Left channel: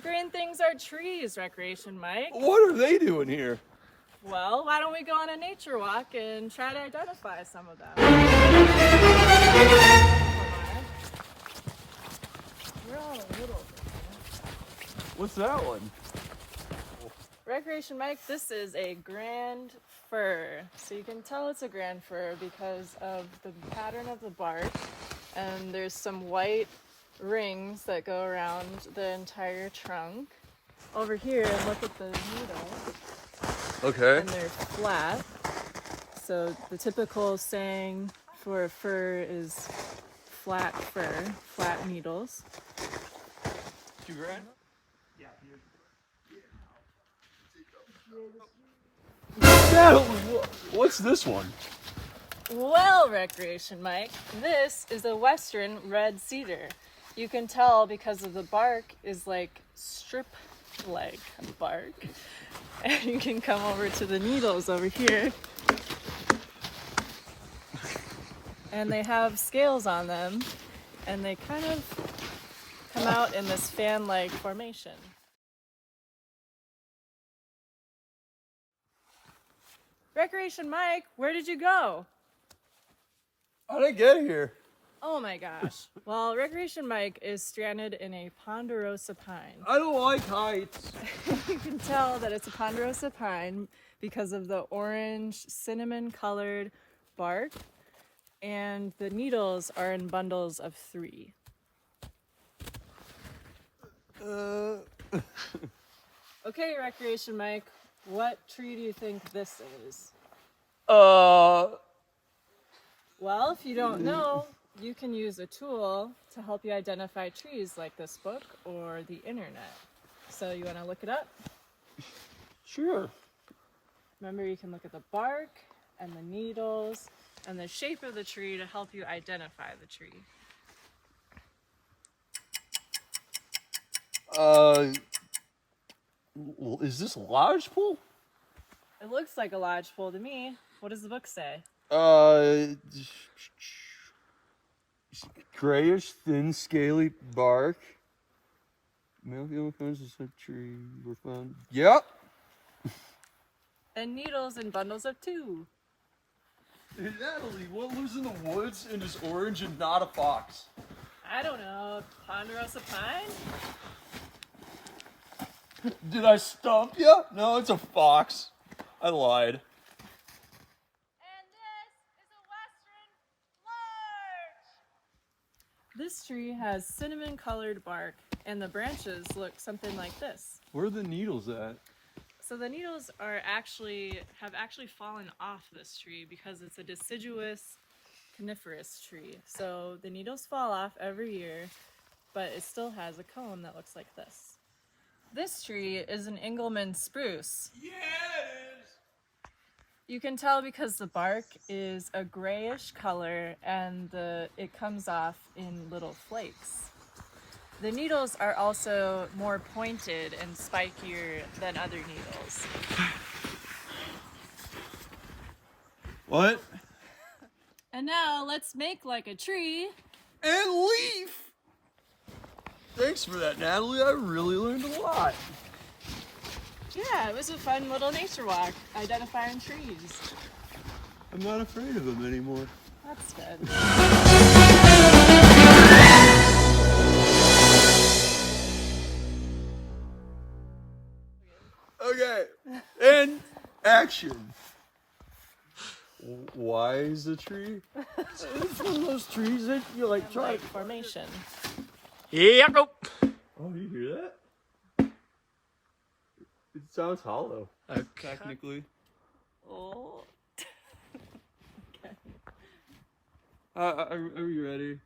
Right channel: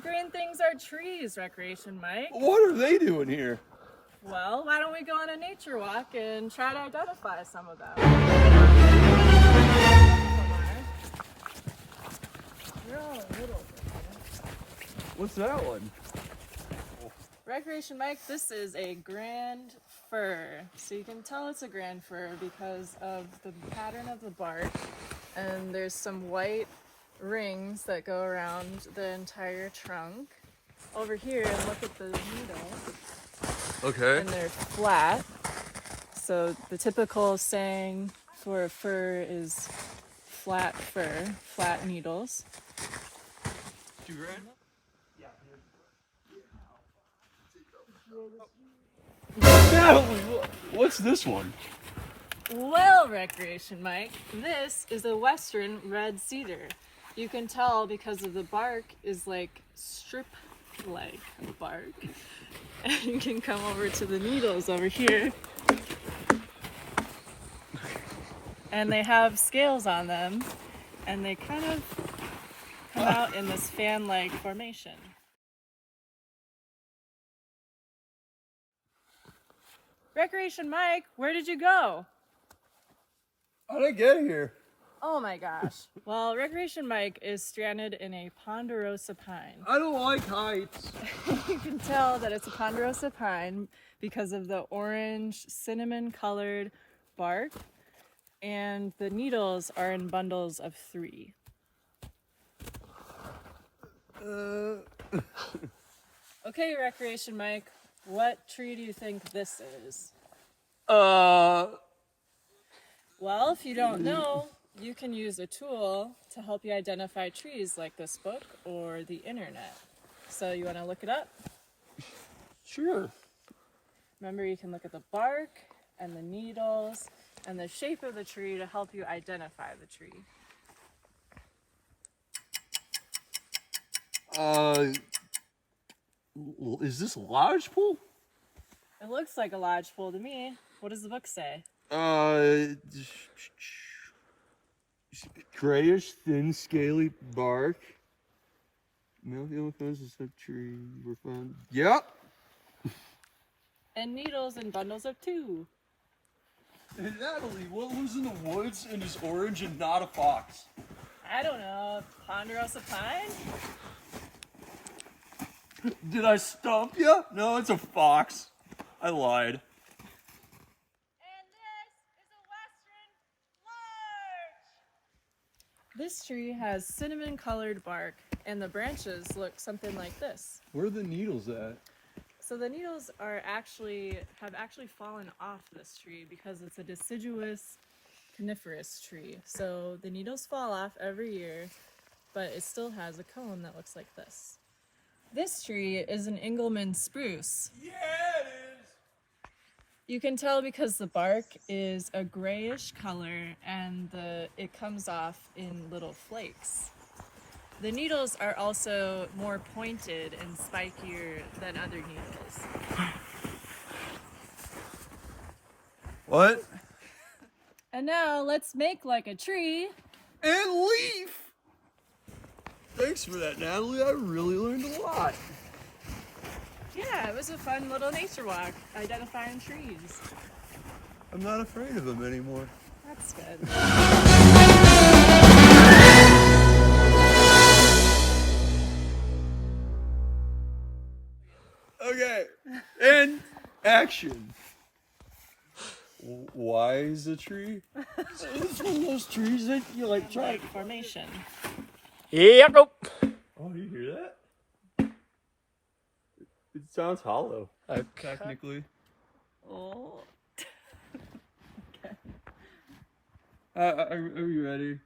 These green things are trees, Recreation Mike. What are they doing here? Well, why don't we go on a nature walk and try to identify some of them? They're all a little different. What's that one? Recreation Mike, this is a grand fir. So you can tell it's a grand fir because of the pattern of the bark, and there's some white rings that go around the entire trunk. Over here, look at the needle. Okay. And they're flat. So the typical saying for a fir is flat fir, flat needles. Natalie, what's this one? Well, Recreation Mike, this is a western red cedar. You can tell because of the bark is like strip-like bark. And you can come over to the needles over here. And they have scales on them, and they kind of come out in this fan-like formation. Recreation Mike, where did you go? How did I get here? Oh my gosh. Well, Recreation Mike is stranded in a ponderosa pine. I don't like heights. You can tell that it's a ponderosa pine because of the orange cinnamon colored bark, and the needles are in bundles of 3. Okay, Recreation Mike, what tree do you think this is? Well, if you don't know, you can use a tool to help you identify trees like this book or the internet. So you want to look it up? Sure. Remember, you can look at the bark and the needles and the shape of the tree to help you identify the tree. Is this a lodgepole? It looks like a lodgepole to me. What does the book say? Grayish, thin, scaly bark. Male fences of tree were found. Yep. And needles in bundles of 2. Hey, Natalie, what lives in the woods and is orange and not a fox? I don't know. Ponderosa pine? Did I stump you? No, it's a fox. I lied. And this is a western larch. This tree has cinnamon colored bark, and the branches look something like this. Where are the needles at? So the needles have actually fallen off this tree because it's a deciduous coniferous tree. So the needles fall off every year, but it still has a cone that looks like this. This tree is an Engelmann spruce. Yeah, it is. You can tell because the bark is a grayish color and it comes off in little flakes. The needles are also more pointed and spikier than other needles. What? And now let's make like a tree. And leaf! Thanks for that, Natalie. I really learned a lot. Yeah, it was a fun little nature walk, identifying trees. I'm not afraid of them anymore. That's good. Okay, and action. Why is a tree? It's one of those trees that you like try. Like formation. Yeah, go. Oh, you hear that? It sounds hollow. Okay. Technically. Oh. Are you ready?